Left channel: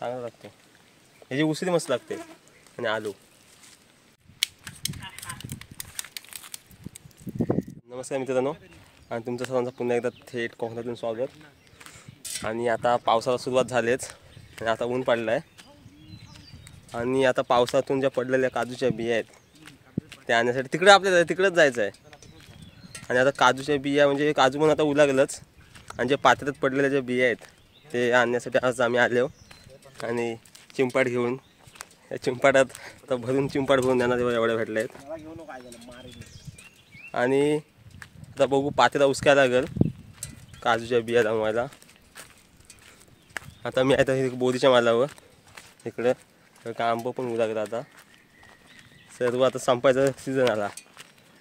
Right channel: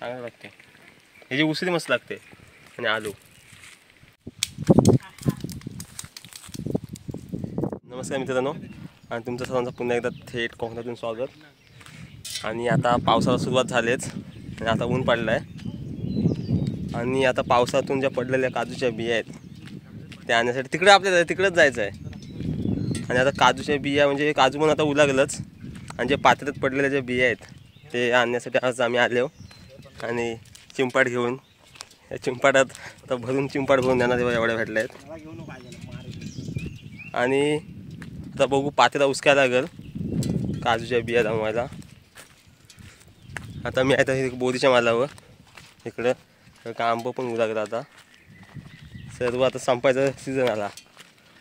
चांगलं लागते. ह्याची उसळी मस्त लागते आणि आलू. नमस्कार मित्रांनो, आणि तुमचं सर्वांचं पुन्हा एकदा थेट कोकणातून स्वागत. आणि आता पावसाला सुरुवात झालीच आणि आता ऊन पडलं आहे. आणि आता पावसातून ज्या पडलेल्या काजूच्या बिया आहेत त्या आणण्यासाठी तिकडे आपल्याला तिकडेच जायचं आहे. आणि आता काजूच्या बिया म्हणजे काजू पण आता उलागलंच, आणि जे पात्र्यात पडलेल्या ज्या बिया आहेत ते आणण्यासाठी आज आम्ही आलो. आणि चिंपाड घेऊन या चिंपाडात तर भरून चिंपाड भरून देणार एवढ्या भेटल्या आहेत. आणि आता बघू पात्र्याला उचकायला लागेल काजूच्या बिया जमवायला. आता मी आता बोरीच्या मालावर इकडं का आंबं पण उलागलं. आता सर्व आता संपायचा सीझन आला.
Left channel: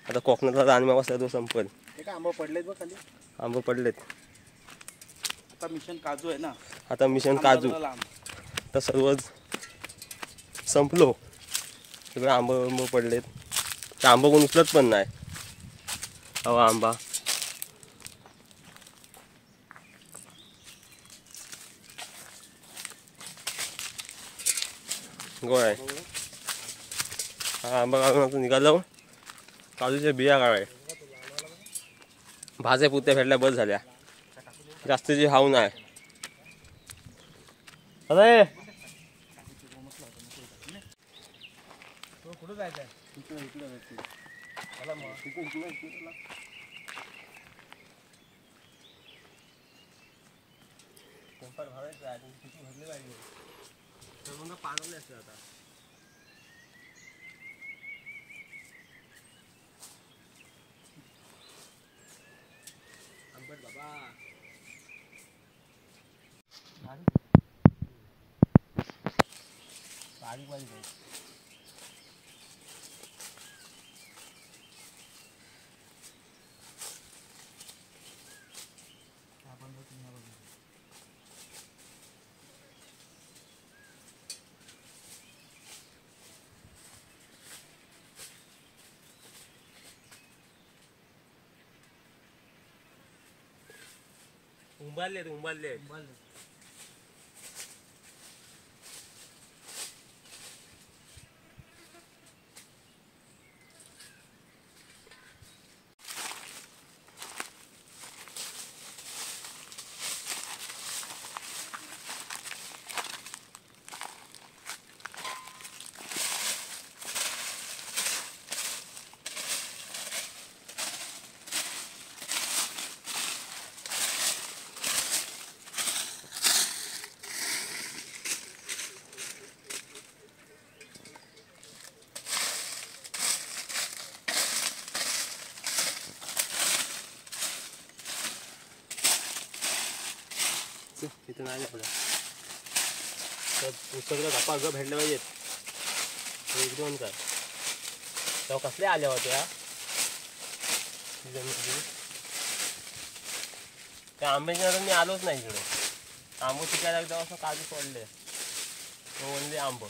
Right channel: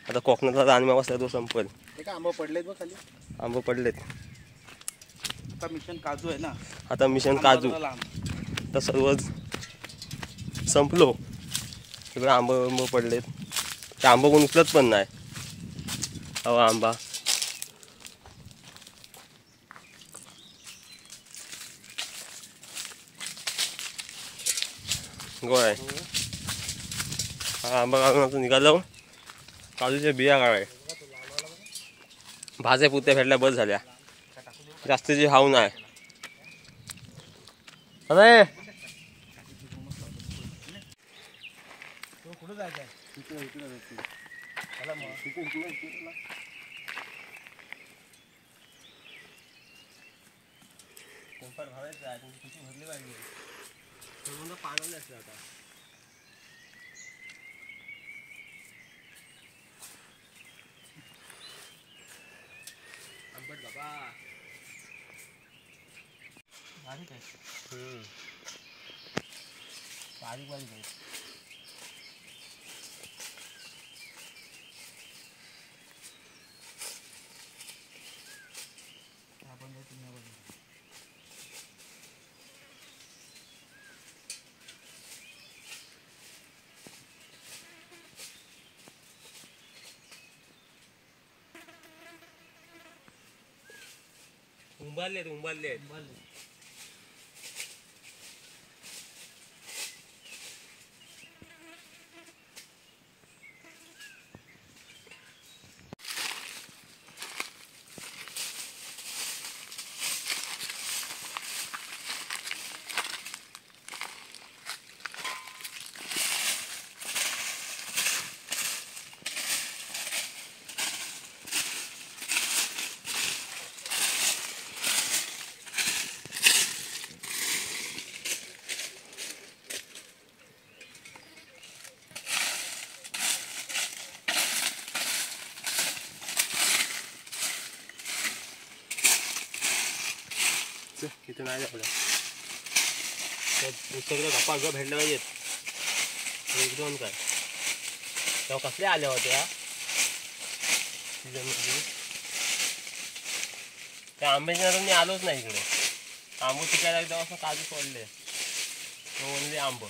आता कोकणातला रानमेवा सर्व संपेल. आंबे पडलेत बघ खाली. आंबं पडलेत. आता मिशन काजू आहे ना. आता मिशन काजू तर सर्वच संपलो. सगळं आंबं पडलेत. ते आंबं कोण उचलत पण नाही. हवा आंबा गोळ आहे. हा आंबा काढून आता निघालो. काजूच्या बिया काढाय भाज्या पुत्या भेटल्या बस झाल्या. जास्तीची हाव नाही. अरे कुठं जायचं आहे? भरली पाहिजे पाणवले असते आता. आंबट बाबा बारीक बारीक आहे. उंबारले तिथे नाही आपल्या सगळं गप्पा ग भेटल्या पाहिजेत. एक दोन काय तेव्हा कसल्या आल्या होत्या सीझनमध्ये. त्या आंब्याच्या नंतर मी आलोच नाही इकडे. आंबो शिकायला एकदा असं काजू पडले म्हणजे आंब.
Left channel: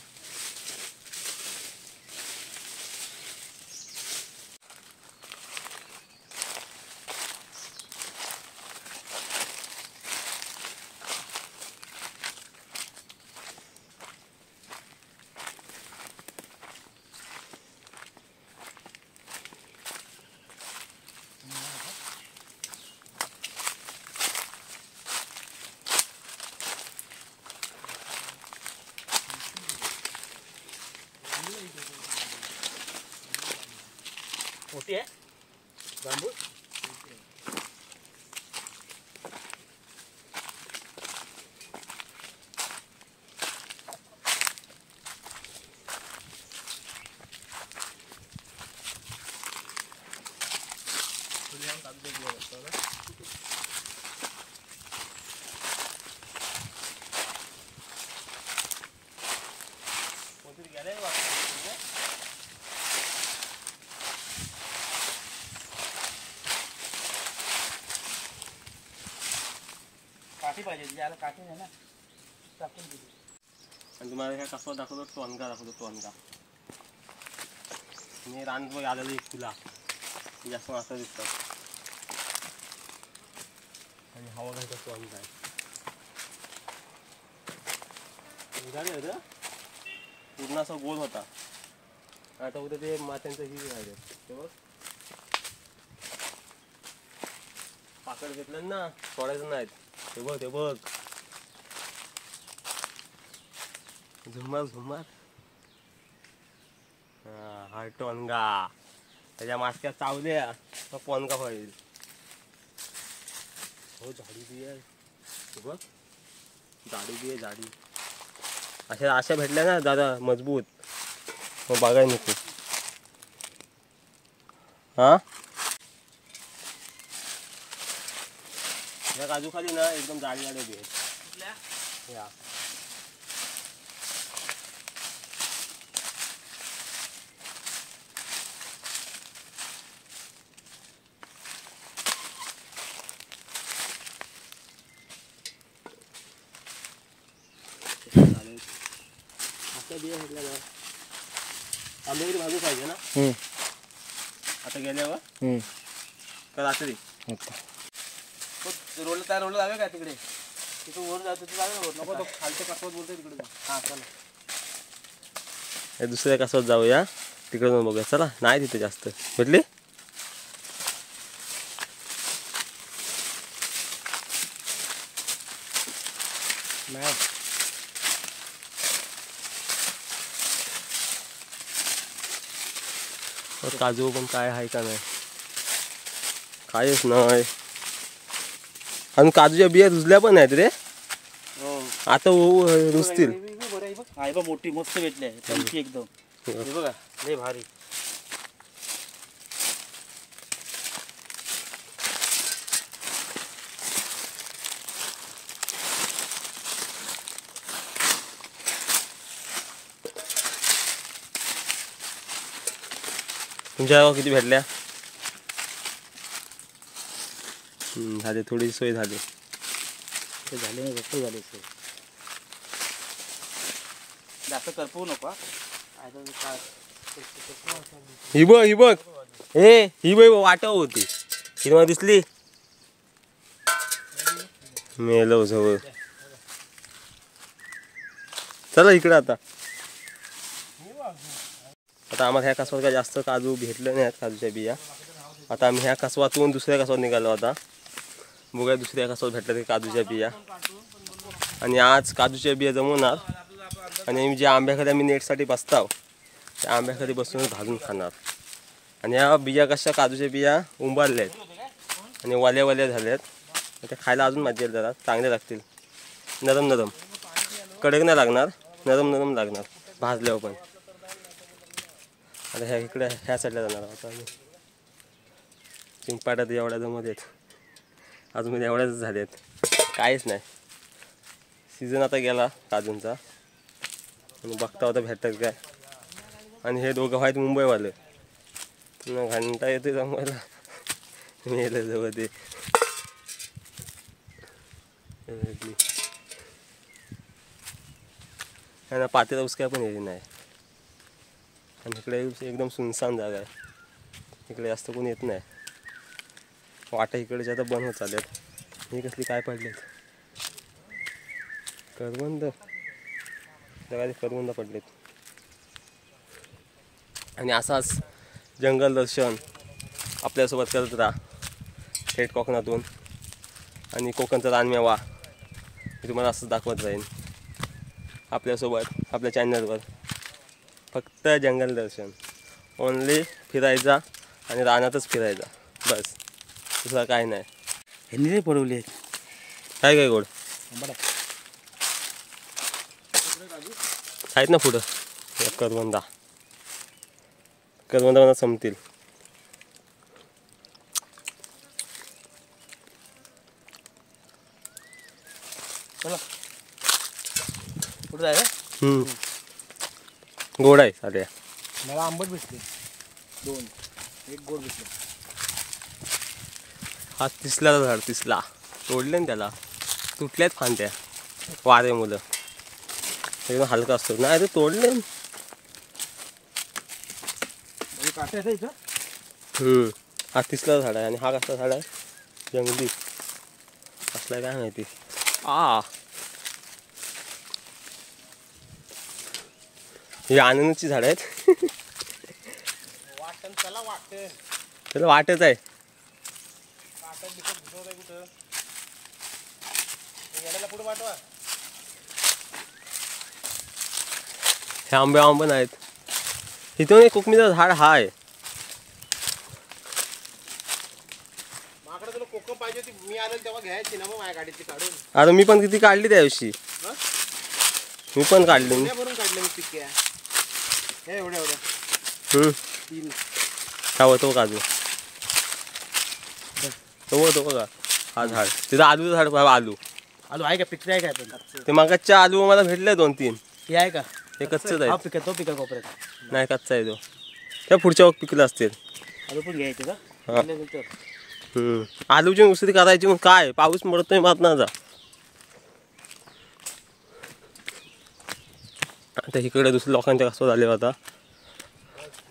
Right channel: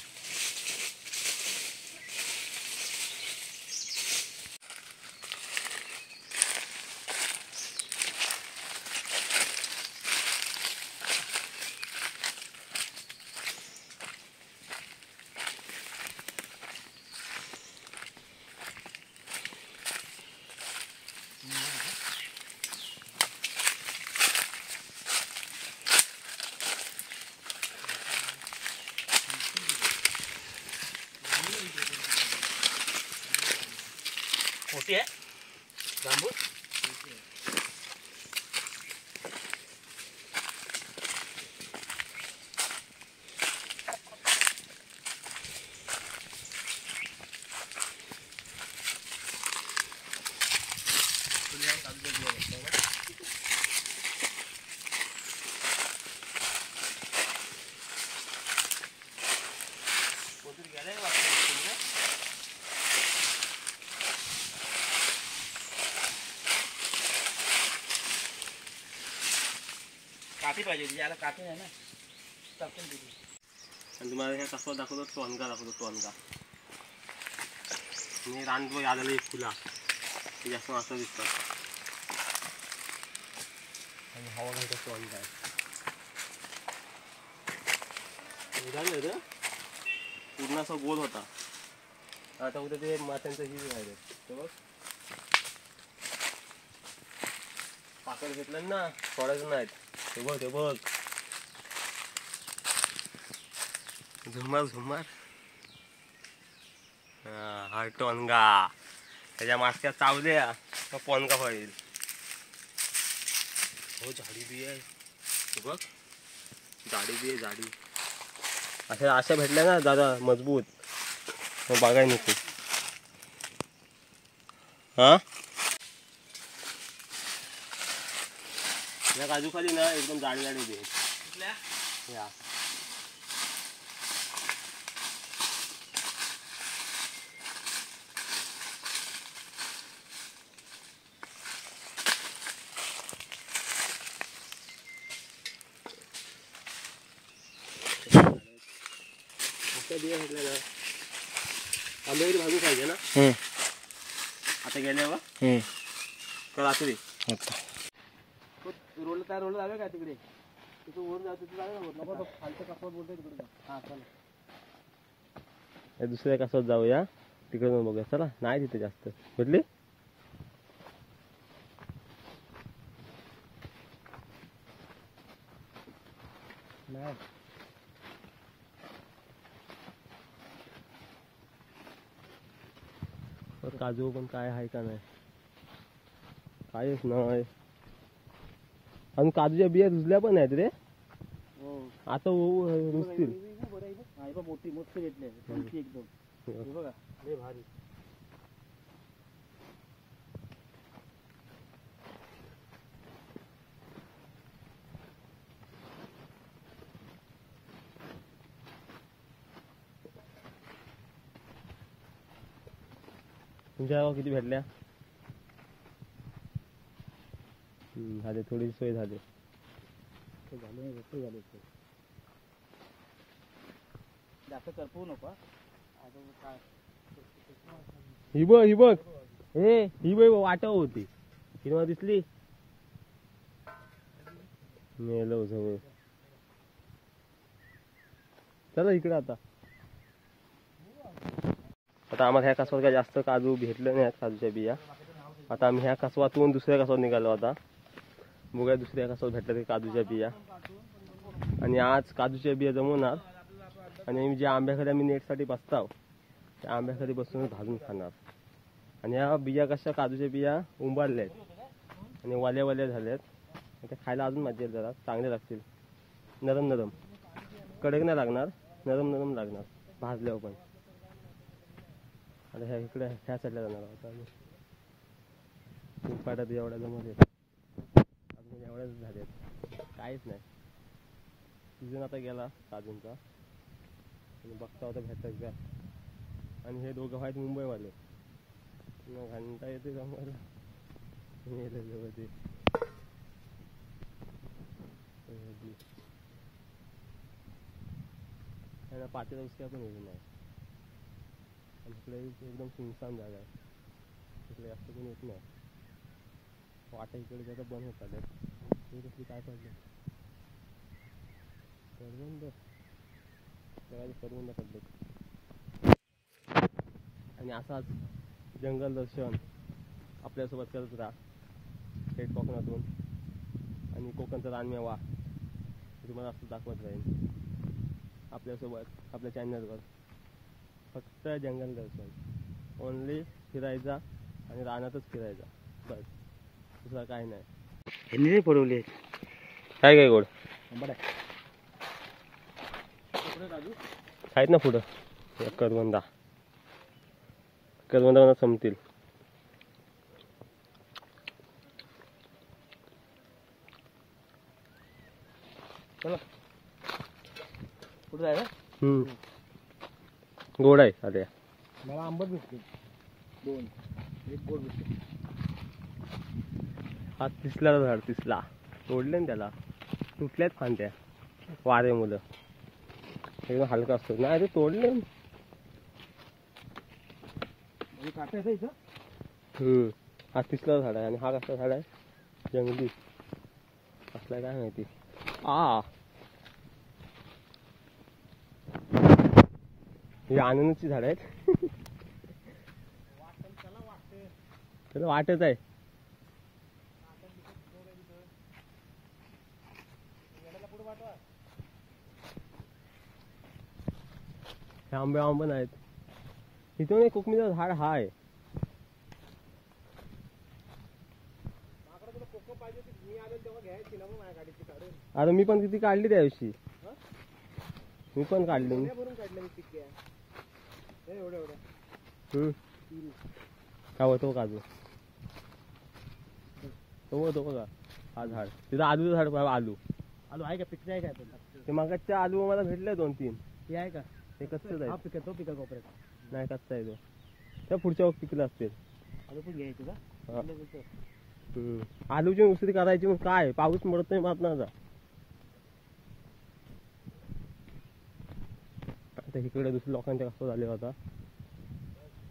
मोठी आहे जांबूस. काठी पाहिजे याला. काठी आहे ना टाकून दिली. आणि तुम्हाला ह्या कसं दाखवतो टोनगा दाखवतो. टोनगा आणि रानबोई आलेली फुला जास्त असं दिसतात. आणि हवा घालतो टोनगा निघाले होतं पूर्ण असा गोल होता. आता उद्या ते मात्यांचं ही राहिले ते बघ पाकड घेतलं ना सोडायचं नाहीत. ते बघ झुमार झुमार हा टोनगा त्याच्या मास्क्या चावल्या का पोनगा होईल. हो झाडी बी आहे ते बघ झाडी बी आहे झाडी. अशा भेटल्या ना दादा मजबूत मग बघाय नको. हा या काजूखाली ना एकदम जाडी जाडी बी आहेत. या बिया भेटल्या ना आंबेरी भाजून खायचे ना. आता गेल्यावर तर रात्री रोड त्या रोडला जावे काय तिकडे तिथं वर जातो नको तो खालच्या कासवात बोलतोय तिकडे जा. हा चला दुसऱ्या कासवात जाऊया तिकडे जाऊन बघूया. चला नाही तिथे जास्त भेटली. नाही काजू पण काय आहे का नाही कायच नाही. आणि काजूच्या बिया रुजल्या पण आहेत रे आता रुजतील. आहे बा मोठी मस्त भेटली आहे त्यांची एकदम. हे बघा लय भारी. तुमच्या गावात किती भेटल्या. झाले थोडी सोय झाली. ते झाले नाही भरपूर झाले सोय. जास्त करपवू नको. ही बघ ही बघ वाटव होती हिरवा दिसली मेलो जवळ. चला इकडे आता आम्हाला ह्या कासवात काय जास्त काजू भेटले नाही काजूच्या बिया. आता आम्ही ह्या कासवातून दुसऱ्या कासवात निघालो आता बघूया दुसऱ्या कासवात भेटलं ते काजूच्या बिया. आणि आज काजूच्या बिया जमवणार आणि ज्या आंब्याखाली आम्ही नेटसाठी बसताव त्या आंब्याखाली बसून भाजून खाणार. आणि ह्या बिया कशा काजूच्या बिया उंबारल्या आहेत आणि वाल्या झाल्यात. त्या खायला अजून मजा येईल जरा चांगले लागतील. नरम कडक नाही लागणार नरम लागणार भाजल्यावर पण. आता ह्या इकडे ह्या साईडला जाणार आहोत आम्ही. चिंपाट्यात एवढ्या जमत आहेत अजून एवढ्याच झाले आहेत काहीच नाही. सीझन आता गेला काजूंचा आणि बघता होता भेटतात काय. आणि हे दोघं आहेत मुंबईवाले घंटा येते जमवायला मेलं जवळ ते. त्यांना पातेला उसक्या पण येते नाही. आणि इकडे एकदम सुनसान जागा आहे इकडे जास्त कोणी येत नाही. वाटा इकडे आता बंद होत चालल्यात. ही कसली काय पडलेत करवंद जगाचे करवंद पडलेत. आणि असाच जंगल दर्शन आपल्यासोबत करत राहा थेट कोकणातून. आणि कोकणचा रानमेवा मी तुम्हाला असंच दाखवत राहीन आपल्यासोबत आपल्या चॅनलवर. फक्त जंगल दर्शन ओनली फिरायचा आणि रानातच फिरायचा बस दुसरा काय नाही. ह्यांनी नाही पडवले काय गोड आहेत ना पुढं करवंदा मला संपतील. चला कुठं जायचं. गोड आहे साध्या. मला आंबट भेटले 2 एक गोड भेटले. हा तिसला झाड तिसला तोडले ना त्याला तुटल्यात फांद्या वारे मुलं एकदम हलका असतो नाही ते तोडले. काटे आहे इथं. हा तिसला झाड आहे आणि हा कसला झाड आहे जंगली असला काय माहिती. ही अननसची झाड आहेत. त्याला वाटच आहे. हे आंबे नाहीत. इथून एक कोकमीचं झाड हाय. कोकम पाहिजे होती मी आलो तेव्हा घ्यायची ना मग माझ्या गाडीची काढून. आता मी पण किती काढली त्या दिवशी. मी पण काढली. भरून काढले मी पिक्या हे एवढ्या तीन काय होतो काजू तो बघा. हा झाड तिथं आलूचं झाड बघा. आलू आहे का पिकले आहे काय पण ते मागच्या आलू मला भेटले 2-3. हे आहे का हे कच्चंच आहे. पिका तो पिका कोपऱ्यात नाही कच्चा आहे तो. त्या पुढच्या वक्त पिकलं असतील. आलू पण घ्यायचे का हा. आलूची उसरी करायची मग काय पाऊस पडतोय मात ना जा. आता इकडे दुसऱ्या लोकांच्या कसं झाले आता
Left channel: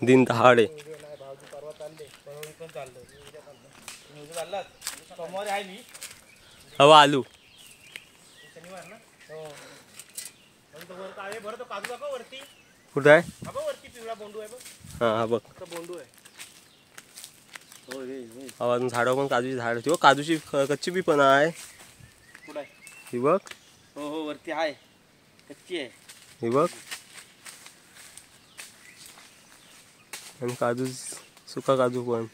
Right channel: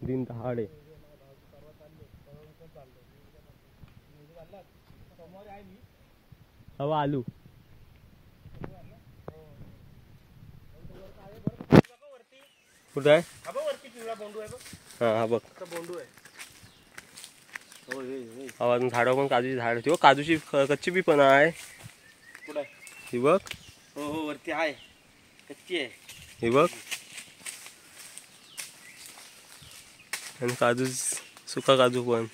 दिन दहाडे. हवा आलू कुठं आहे. हा हा बघ हवा अजून झाडं पण काजूची झाड होती. काजूची कच्ची बी पण आहे. कुठं ही बघ. हो वरती आहे कच्ची आहे. हे बघ आणि काजू सुका काजू पण.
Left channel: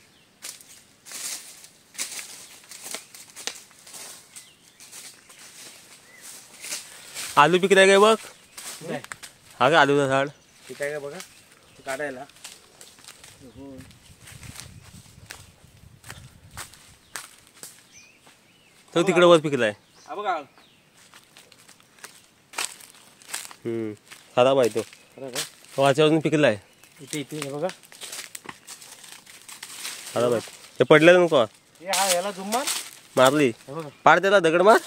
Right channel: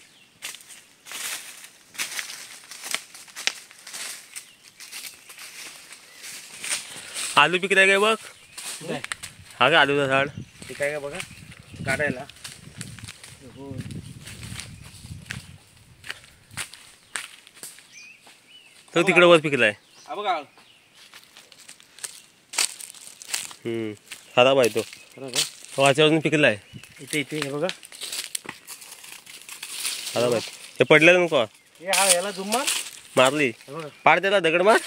आलू पिकलाय काय बघ. हा का आलूचं झाड ठीक आहे का बघा काढायला. तो तिकडे वर पिकलाय. हा बघा खराब आहे तो. वाच्यावरून पिकलाय. इथे हे बघा खराब आहे. हे पडलेलं नको हे हा याला जुम्मा मारली. पाड त्याला दगड मार.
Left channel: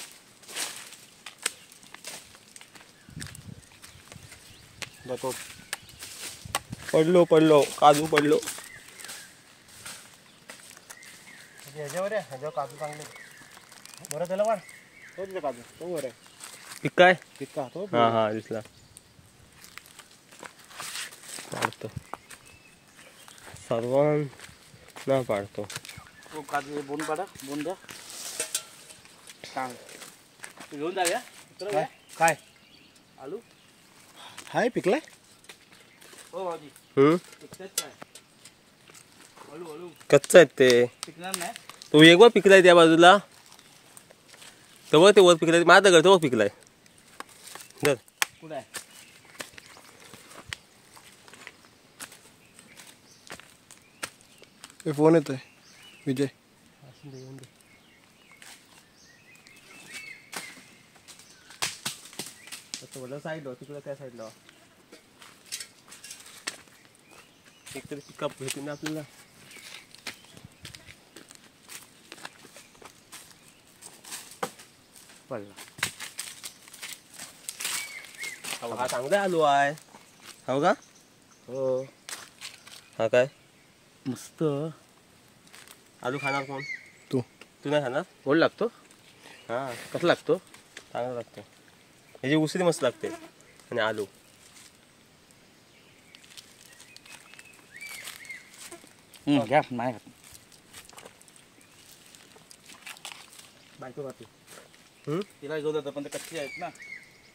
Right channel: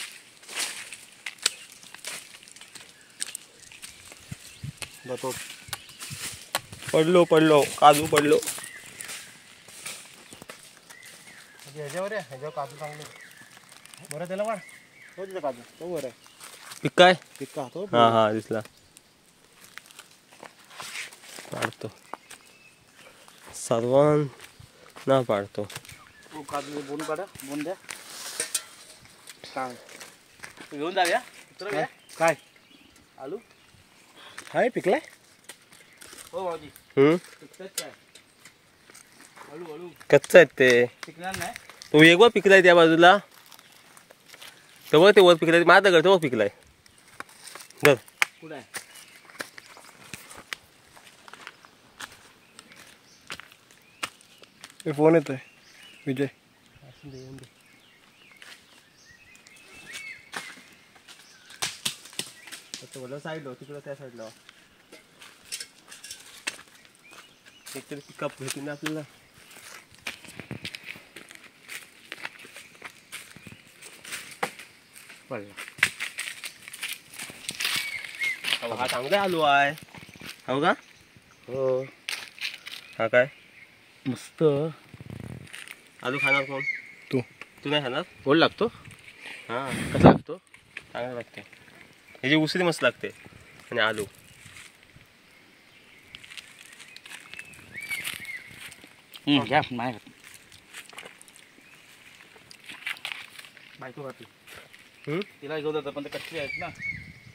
पडलो काजू पडलो. काजू चांगले बरं त्याला वाढ तो तिथे काजू तो वर आहे. पिकाय पिक्का तो हा दिसला. पाडतो सर्वांना पाडतो. काजू बोन काढा बोन द्या. काय घेऊन जा. काय आलू हाय पिकले. हो भाऊजी पिकतात काय कच्चा आहेत ते. पिकणार नाही. तो एक वर पिकलाय त्या बाजूला. तेव्हा ते वर पिकलाय. माझा दगड तेव्हा पिकलाय. बर कुठं आहे. फोन येतोय विजय. साईडला तिकडं त्या साईडला एकतरी पिकअप भेटून ना आपल्याला. हा चांगला आलू आहे. हो का. हो हा काय मस्त आलू खाणार कोण. तू नाही खाणार. गोड लागतो. हा कसा लागतो. चांगला लागते. ह्याची उसरी मस्त लागते. आणि आलू घ्या नाही खात. बायको खाते. तिला घेऊन जातं पण ते कच्चे आहेत ना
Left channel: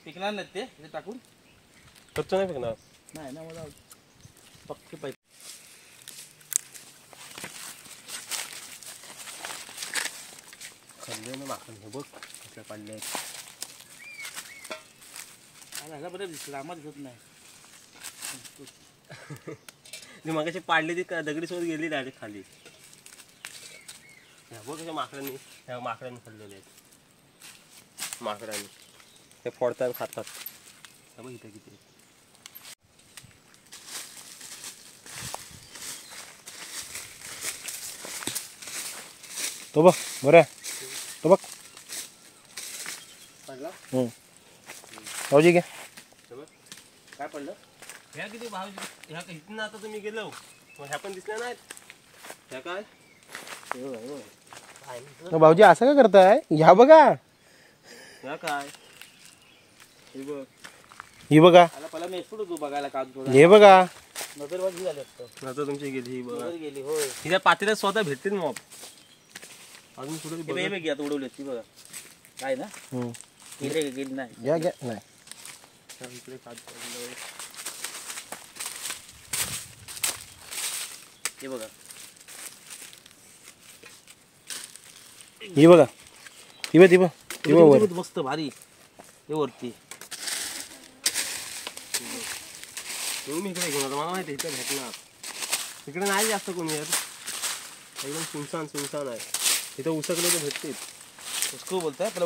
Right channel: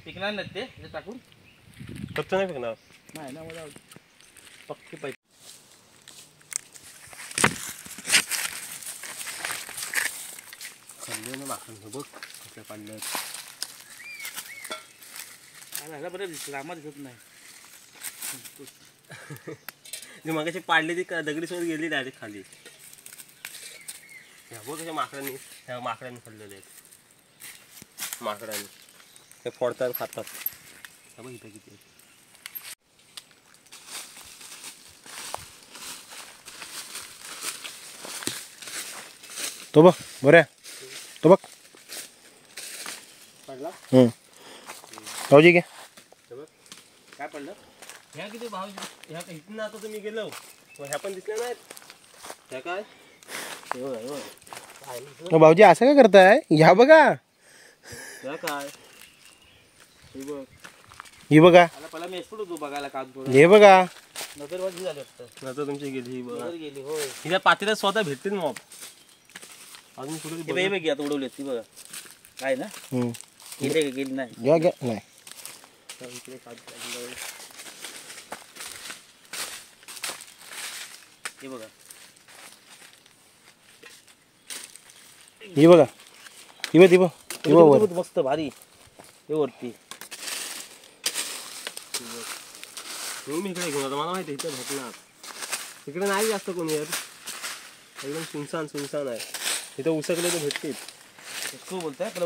पिकणार नाहीत ते टाकून. कच्चं नाही पिकणार. नाही ना मला पक्की पाहिजे. खाल्ले ना माखन बघ कसल्या पाडल्या. ह्याला बरं दिसलं आम्हाला दिसत नाही. मगाशी पाडली ती दगडी सोबत गेली डायरेक्ट खाली. बघ कशा माकडांनी खाल्लेले आहेत. माकडांनी ते फोडतात खातात. बघ इथं किती आहेत. तो बघ बरं तो बघ. पडला भाऊजी घे. काय पडलं. ह्या किती भाव ह्या इथून आता तुम्ही गेलो ह्या पण दिसल्या नाहीत. ह्या काय भाऊजी असं का करताय. ह्या बघा ह्या काय हे बघ ही बघा, आता पहिला मी एक्सपोर्ट होतो बघायला का हे बघा. नजर बघ झाले असतं आता तुमची गेली ही बघा. नजर गेली होय हिच्या पातेल्यात स्वतः भेटतील मॉप. अजून कुठे हे बघ आता उडवली ती बघा काय ना हम्म. गेली नाही घ्या घ्या. नाही हे बघा ही बघा. ती बघ ती बघ ती बघ वर. मस्त भारी हे वरती मी इकडे घेऊन आता मला माहिती आहे इथे भेटणार. इकडे नाही जास्त कोणी येत. एकदम सुनसान सुनसान आहे. इथं उसकले तर भेटतील. तू बोलता त्याला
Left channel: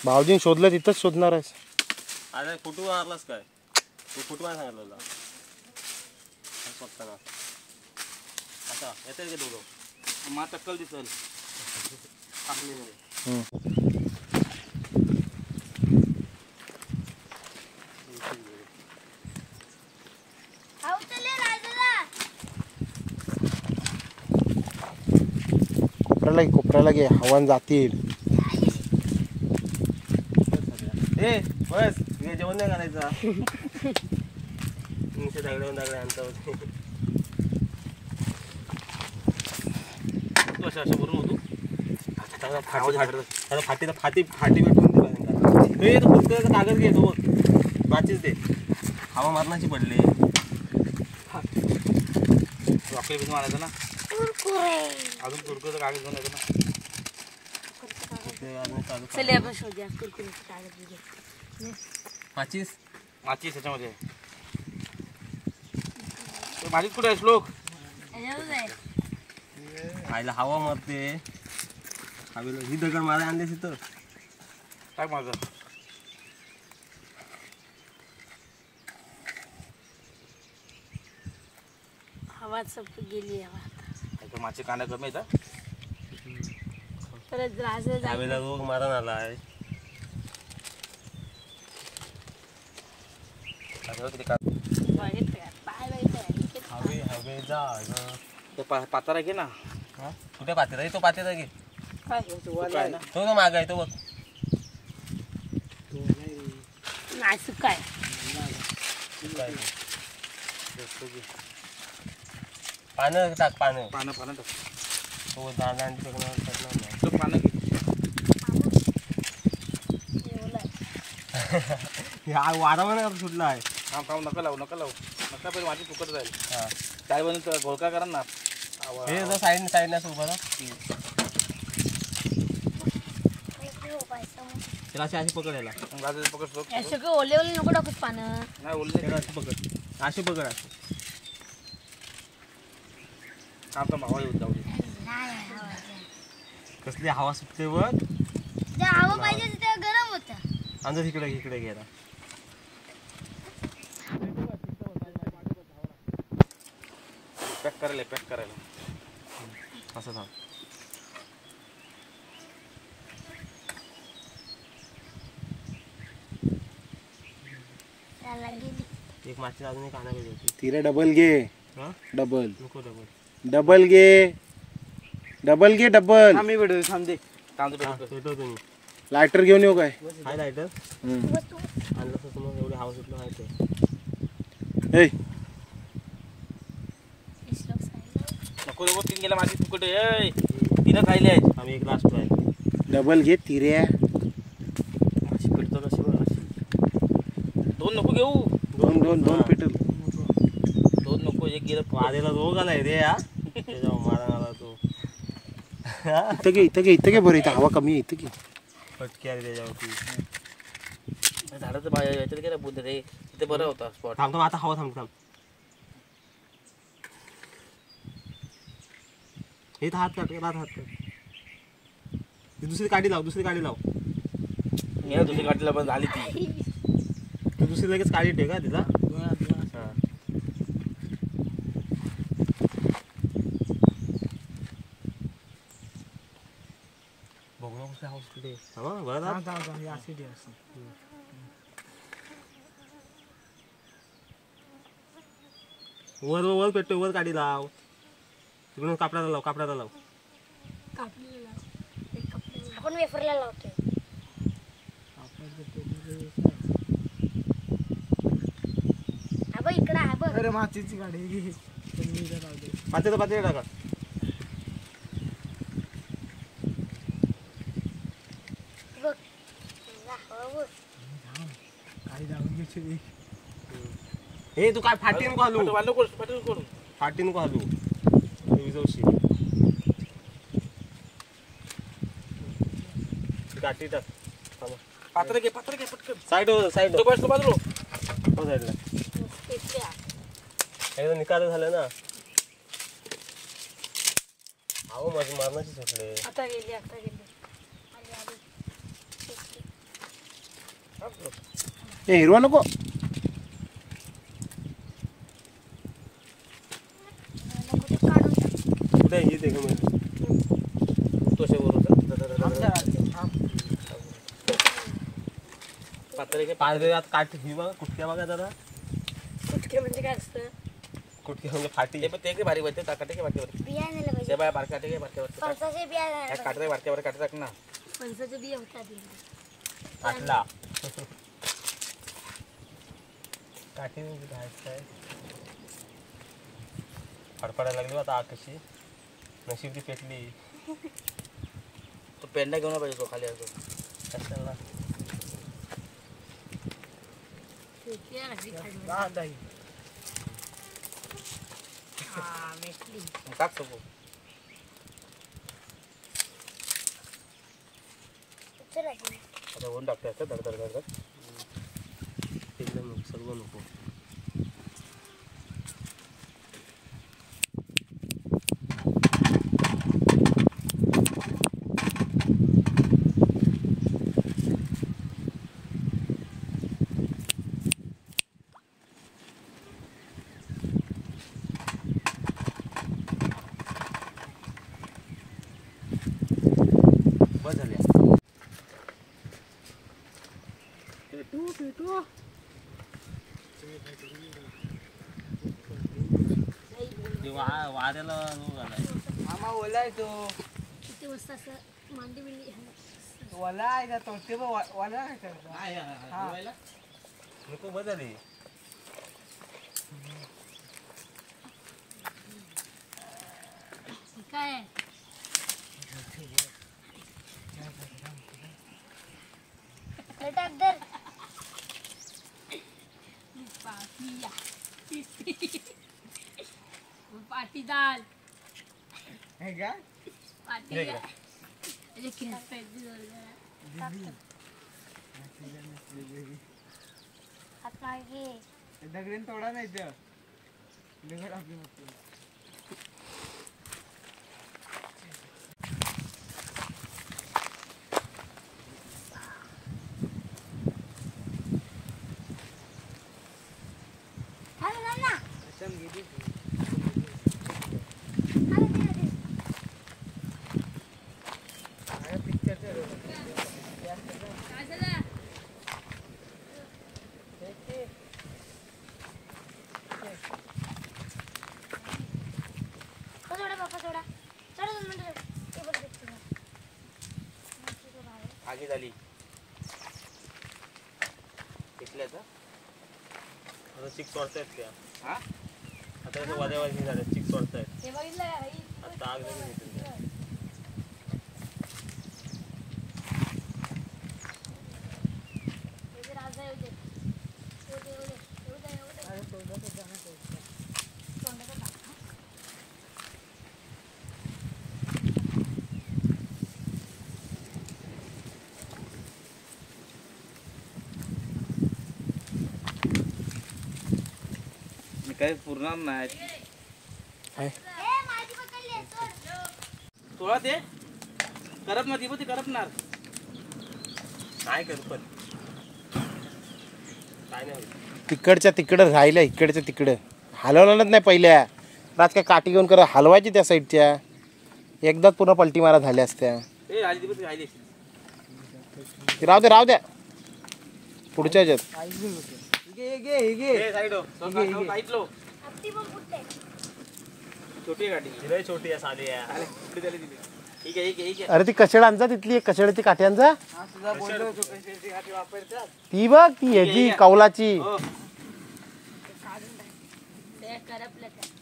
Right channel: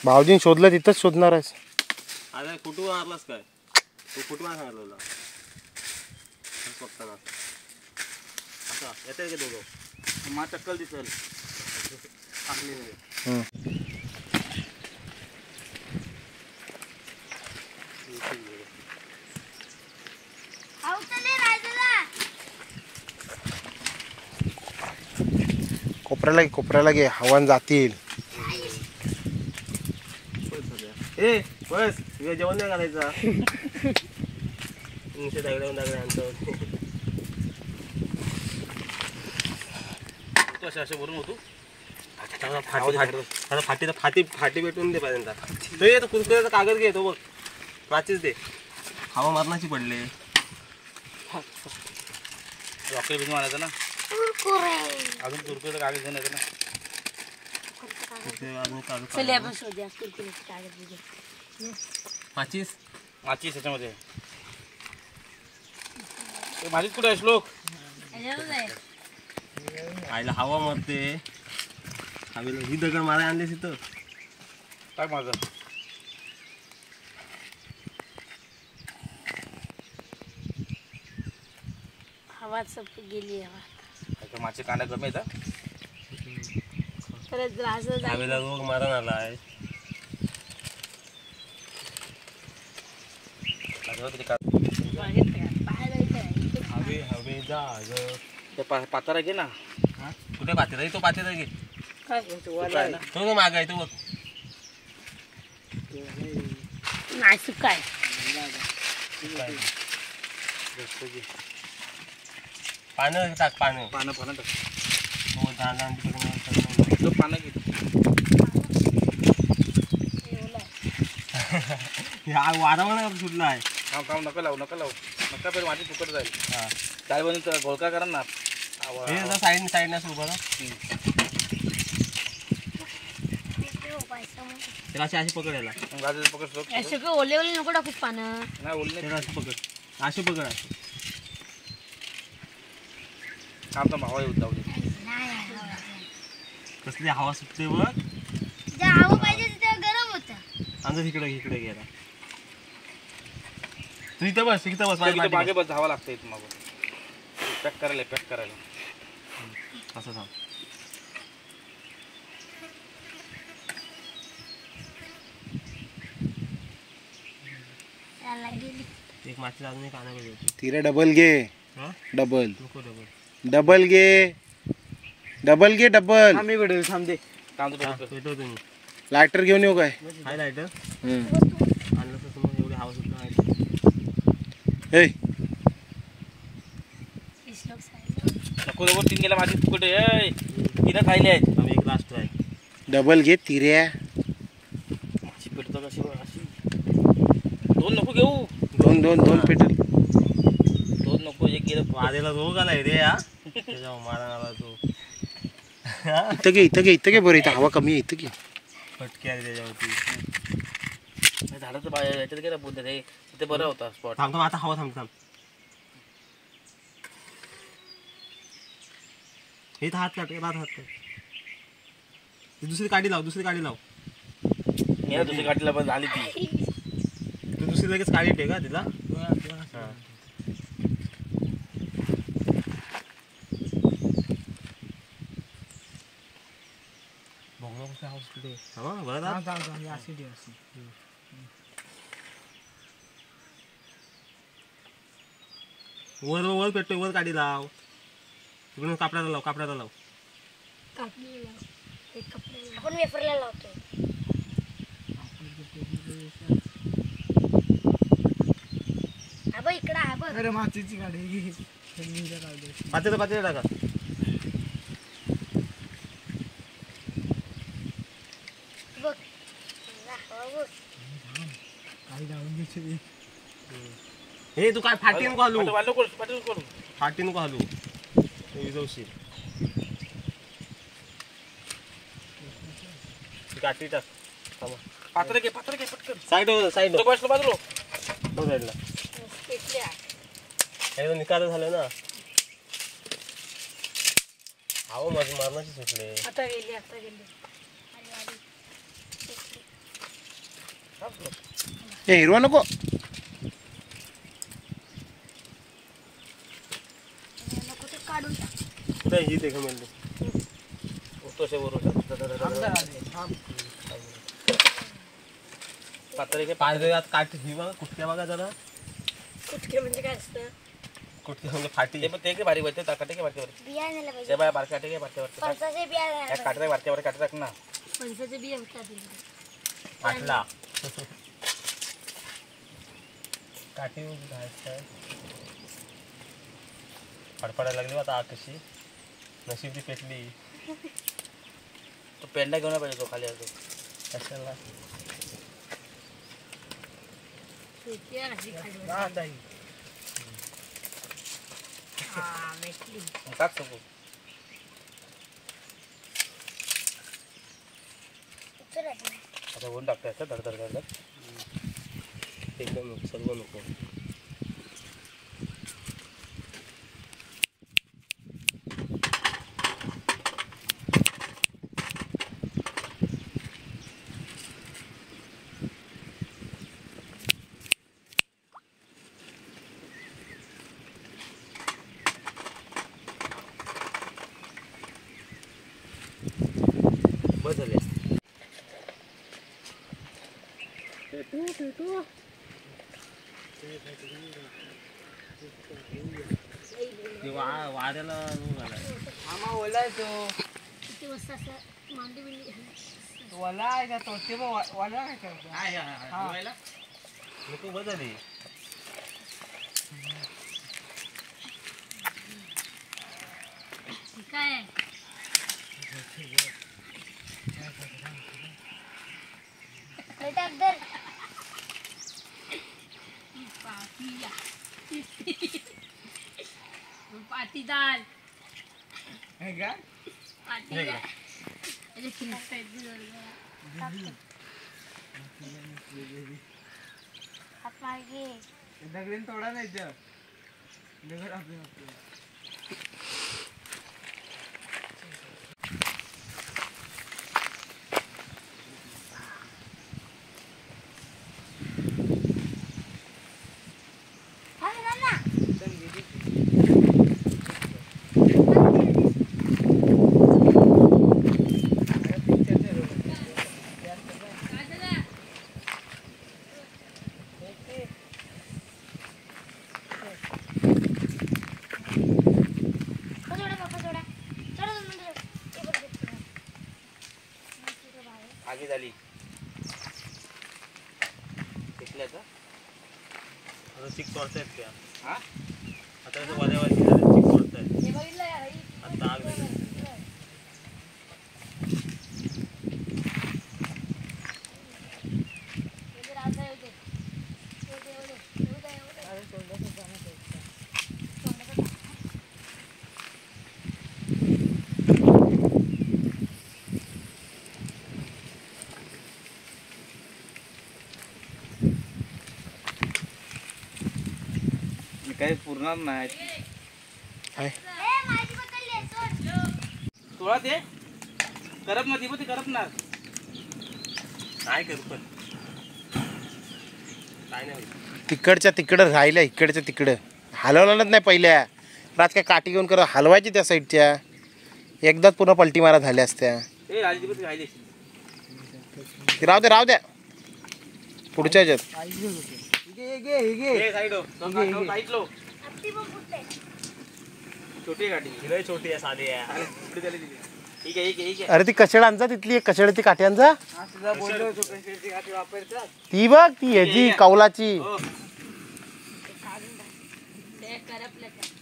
भाऊजीने शोधलं तिथंच शोधणार आहेस. आता कुठून आणलास काय तू कुठून सांगितलं स्वतः आता येते का दोघं मा टक्कल दिसल टाकली नाही. कोपऱ्याला घे हवान जातील. ए बस तुझ्या जेवण नाही करायचा. नुसते दगड्या आणतो. तू अशा अशा भरून होतो फाटी भेटून दे पाहिजे. तो कुरकुऱ्याचा कागद घे तो वाचीच दे. हवा मारणाची पडले. रॉकेट बिन मारायचं ना अजून कुरकुरे कागद घेऊन येतं ना माचीस माचीस त्याच्यामध्ये माझीच कुठे आहे श्लोक आईला हवा मारते. हवेला ही दगड मारा आणलेस इथं काय माझं हवा सब गेली हवा माझे कांदा कमी येतात परत राज हवेला रोग मारण आला आहे. हवे जा पातारा घे ना कुठे पातेला आहे? तो पातेला घे. काय ना तो माग आहे तो बघ. नाही सुकाय पानं टाक पानं. पानं पानं टाक हो दांडी तो पानं घे वातावरण सुटलं आहे. काम काम नका लावू नका पहिले माझी फुकट जाईल हा काय बनवून घोळका करा ना हे साईडने असं उभं ना. त्याला अशी पकड याला. पकड श्लोक सगळं ओले ओले नको टाकूच पानं नाही बोलले त्याला अशी पकड अशी पकड अशी. काम तर मावा येऊन जाऊ दे कसली हवा सुटते बघ. हवा पाहिजे तिथे गरम होतं. आणि इकडे घ्यायला तू इथं बस मागे बस धावा लागते मग पॅक करायला असं थांब. एक माती अजून एक आणायला होती. तिला डबल घे. हा डबल नको डबल. डबल घे. डबल घे डबल. आम्ही व्हिडिओ थांबते पेटव तुम्ही. लायटर घेऊन येऊ काय? हाय लायटर आणलं तर मग एवढी हवा सुटलं माहिती. हे नको नको 3 गेला माझी फुकट आहे 3 राहिले आहेत आम्ही एक लास्ट आहे. डबल घे तिऱ्या. अशी पेटतात अशी बघ अशी. 2 नको घेऊ दोन पेटल. 2 नको एक गेलं वादेला रोग आलाय रे हा. त्याच्यावर मारा आला तो. इथं घे बरं. इथं हवा कमी आहे. इथं घे. फटके आले त्याच्यावरती. झाडाचं बाहेर याच्यात गेला बुद्ध रे तिथे बरं होता स्पॉट. थांब आता हवा थांब. इथं हात काढ दुसरी गाडी लाव मी ना दुसरी गाडीला पण झाली ती दुसरी लगेच काळी ठे का तिला. वर पेटतोय वर गाडी लाव. इकडून कापडाला लाव आपण वेफरला लावतो. हा बघ इकडं आहे बघ. अरे माचीची गाडी पातेलं टाका. बघ बघ. काही जाऊन घ्यायची. हे तू काय फाटी नको घालू. करू फाटी नको घालू. विजवशी काठी टाक. पात्र घे पटकन. साईड तो बसलो बाजूला. साईडला एकदा निकाल झालं ना. अहो माझी मारणाची सुटले. आता गेली आली. हे हिरवा नको. कुठे ही ते का तसे पात्र घे. पाय यात काठी ही बघा कुठल्या बघा जरा. कुठके म्हणजे काय असतं? कुठकी म्हणजे फाटी. ते की भारी वाटते काटे घे वाटते. बिया नेलं पाहिजे. ते बाय बारके काटे घे वाटते. फणसाचे बिया नेलं पाहिजे. काटे बारके काटे टाक ना. फणसाचे बिया होतात. फाटला. काठी घ्यायचं. फडफडायला लागली आता आग कशी. नशीब ती पेटली. तो पेंडा घेऊन पाहिजे तो खाली असतो. कशाला टाक सगळं. आता होऊन टाकतो धड. एकदम सर्व नको. बस झाले. वाऱ्याला आम्हा ओलाय तो. किती वाजता असं मांडी बिंडी घालायची. ओला आहे का तो? ते ओला काय करतो? नको बस झाली. काय आहे? पाटीदार हे काय? पाटीदार दगडीन तोडा नाही ते. दगड आपले नसते. आगी झाली. घेतल्याचा आता चिक तोडतायत त्या. हा आता इथं वाऱ्यावरती झाले चिक तोडतायत. आता आग लागली. काही पूर्ण नाही. थोडा ते करप ना दिवशी करपणार. काय करू पण काय नाही होईल. तिकडच्या तिकडं राहिल्या, इकडच्या तिकडं हलवलंच नाही पहिल्या. रात काय काठी घेऊन कर हलवायची त्या साईडच्या. एकदाच पुन्हा पलटी मारा झाल्या असत्या. राहू द्या पुढच्या ह्याच्यात. छोटी गाडी छोटी आहे साधी आहे. ठीक आहे ठीक आहे ठीक आहे. अरे ती कशेड आणजा तिथली एक कशेडची काठी आणजा. हा तुझा बोललो होतो कशाची काठी वापरतात. ती बघ ती ह्याची कौलाची. हो ते करपलं त्या.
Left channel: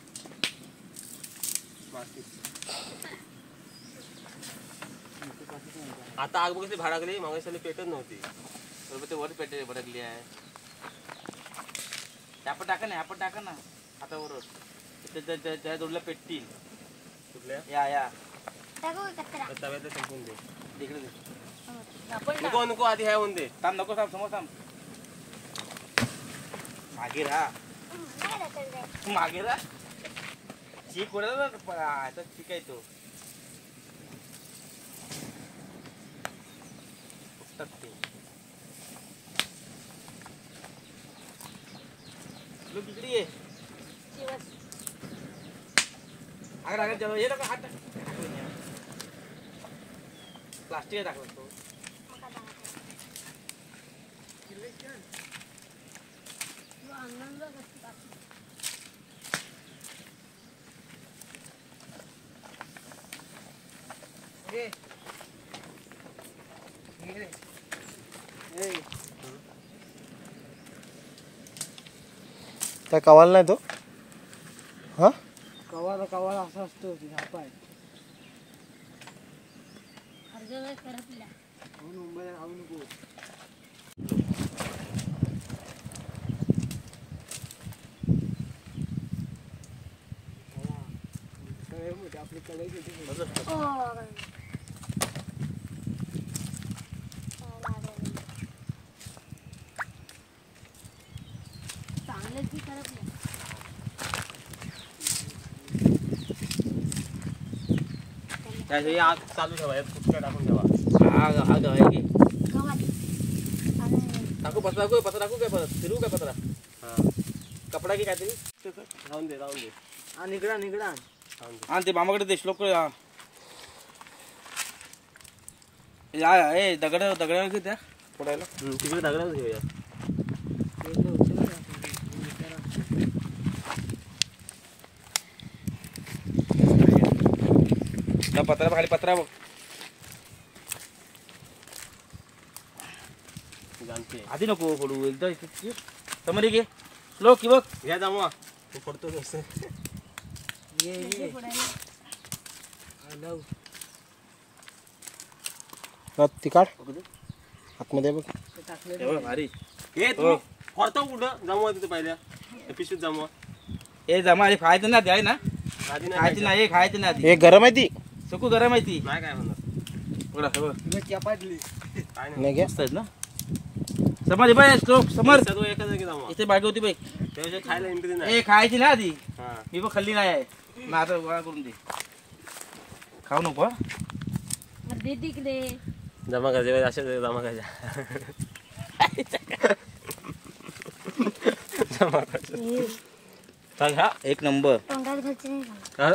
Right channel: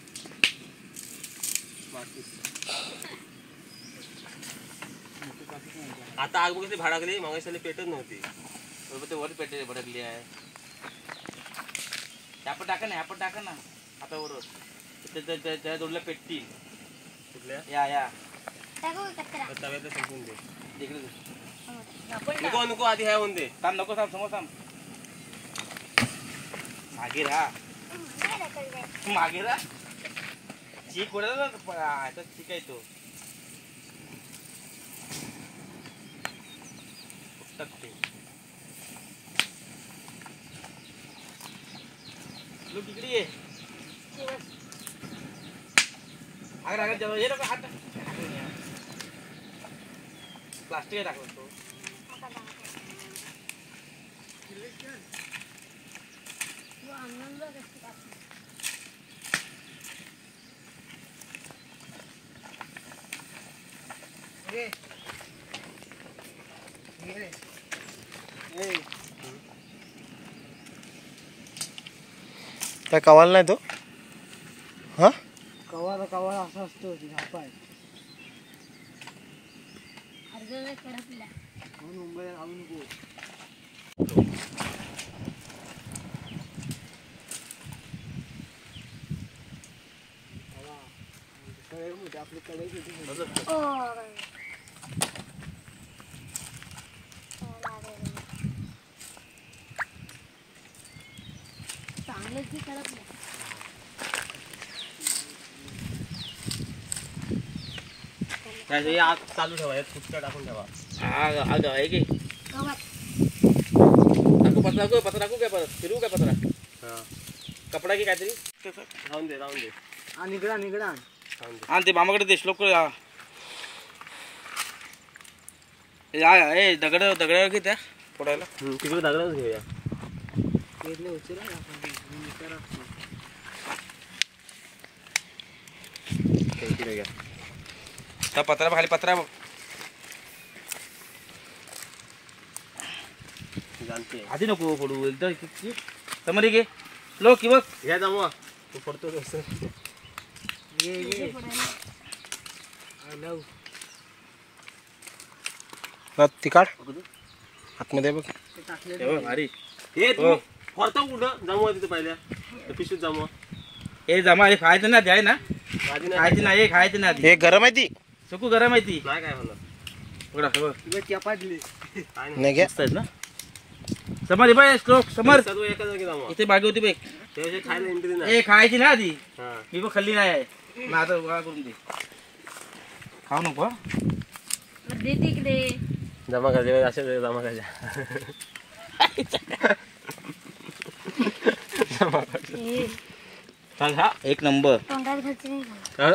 आता आग बघितली भाडाकली मागायला पेटत नव्हती. बरोबर ते वर पेटे भडकली आहे. आपण टाका ना आपण टाका ना आता बरोबर त्या जोडला पेटतील. कुठल्या या टाकू का कचरा? तर तव्यातलं संपून दे. तिकडे जा. आपण टाक. नको नको आधी ह्या होऊन दे. थांब नको थांब समोर थांब. मागे राहा नाही टाकायचं आहे. मागे राहा. चीक पडत आता चीक आहे तो. फुटतात ते. लोक इकडे ये. अगर जाऊ हे नको हात प्लास्टिक आहे टाकलं तो. ए. ये. ए. काय कवाल नाही तो. हा कवाला असं असतो ती झापाय. अर्धवट करपल्या. म्हणून मुंबईला राहू नको. आपली कढई किती ओ. चांगले ती करपल्या. हे आग चालू ठेवा यात फुटका टाकून ठेवा. आग आहे की गव्हात. टाकू पत्रा टाकू काय परत फिरू काय पत्रा हा कपडा की काहीतरी राहून दे राहून दे हा निगडा निगडा. राहून दे. आणि ते मामाकडे देश लोक दगडावर की त्या पडायला तिकडे दागडाच घेऊया. पेरले होते ना आपण. विचारा. त्या पत्रा खाली पत्रा बघ जाणते आधी नको पडू एकदम समोर घे लोक की बघ घ्या जमवा तू पडतो तसं. ये ये. पुढे I love. ती काढ आतमध्ये बघ. ते टाकले हे बघ भारी हे तू पडतो कुठं जमवा तिथे पहिल्या पिशवीत जमवा. हे जमा हे खायचं ना द्याय ना आधी खायची नाही हे खायचं ना आधी हे गरम आहे ती. सकू गरम आहे ती नाही काय म्हणणार बघा हे बघ तुला चपाटली. काय नाही. नाही घ्या. मस्त आहेत ना समोर हे बघ श्लोक समोर सर्व एका जागी जमवा. इथे बागे होती बघ त्याविषयी खायला एंट्री नाही. हे खायची ना आधी हा मी पण खाल्ली नाही आहे मग आता गोळा करून दे खाऊ नको हं? दे तिकडे. जमा करायचे अशा जमा करायच्या. ए, चाल हा एक नंबर तोंडात घालते नाही का?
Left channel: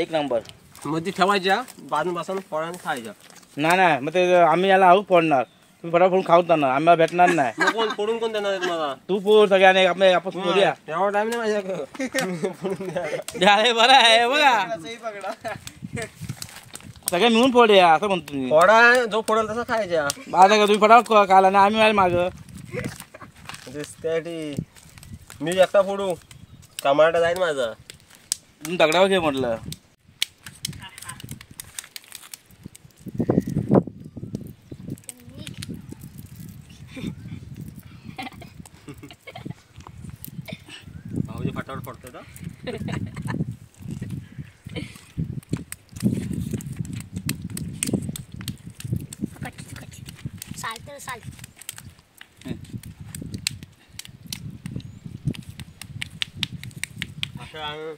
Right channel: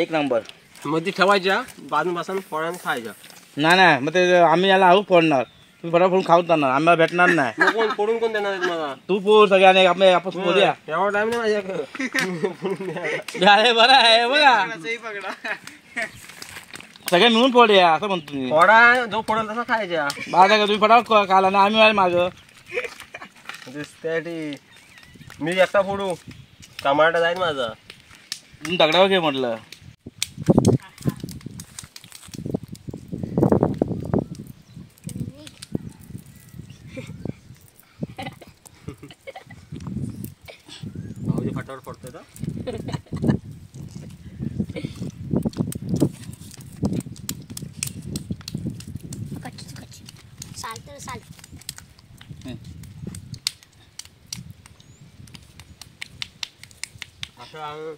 एक नंबर मग ती ठेवायच्या बाजून बसून फळाने खायच्या. नाही नाही मग ते आम्ही याला आऊ फोडणार तुम्ही फटाफट खाऊन जाणार आम्हाला भेटणार नाही मग कोण फोडून कोण देणार आहे मला. तू पोर सगळ्याने आपण फोडूया एवढा टाइम नाही माझ्याकडे. अरे बरं आहे बघा सगळे मिळून फोडूया असं म्हणतो मी फोडा जो फोडेल तसा खायच्या. माझा का तुम्ही फटाफट खाला ना आम्ही माग त्यासाठी मी एकटा फोडू टमाटा जाईल माझा. तुम्ही दगडावर घे म्हटलं भाऊजी फटाफट फोडतोय तर. कच्ची कच्ची. साल तर साल. असं आण.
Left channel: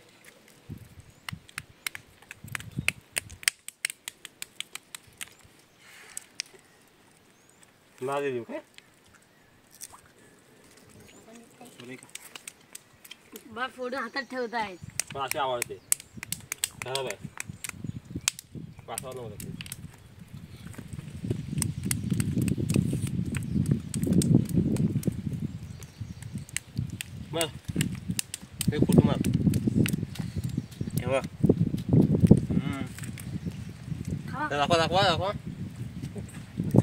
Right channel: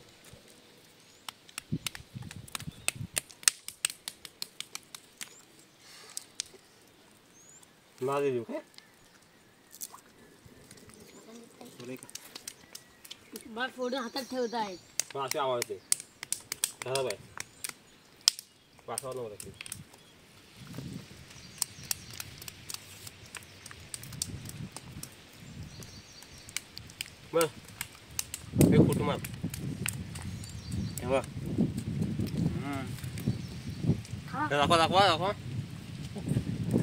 नादी देऊ काय. बा फोडून हातात ठेवतायत. पण असे आवडते खराब आहे. वासावर नव्हतं ते. बघ हे फुटू मार. हे बघ दाखवा दाखवा दाखवा.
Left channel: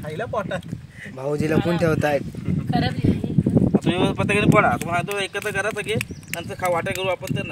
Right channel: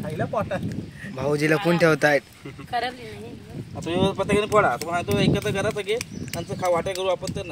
खायला पोटात. भाऊजी लपून ठेवतायत. तुम्ही प्रत्येकाने पडा तुम्हाला तो एकत्र करा सगळे नंतर वाटा करू आपण तर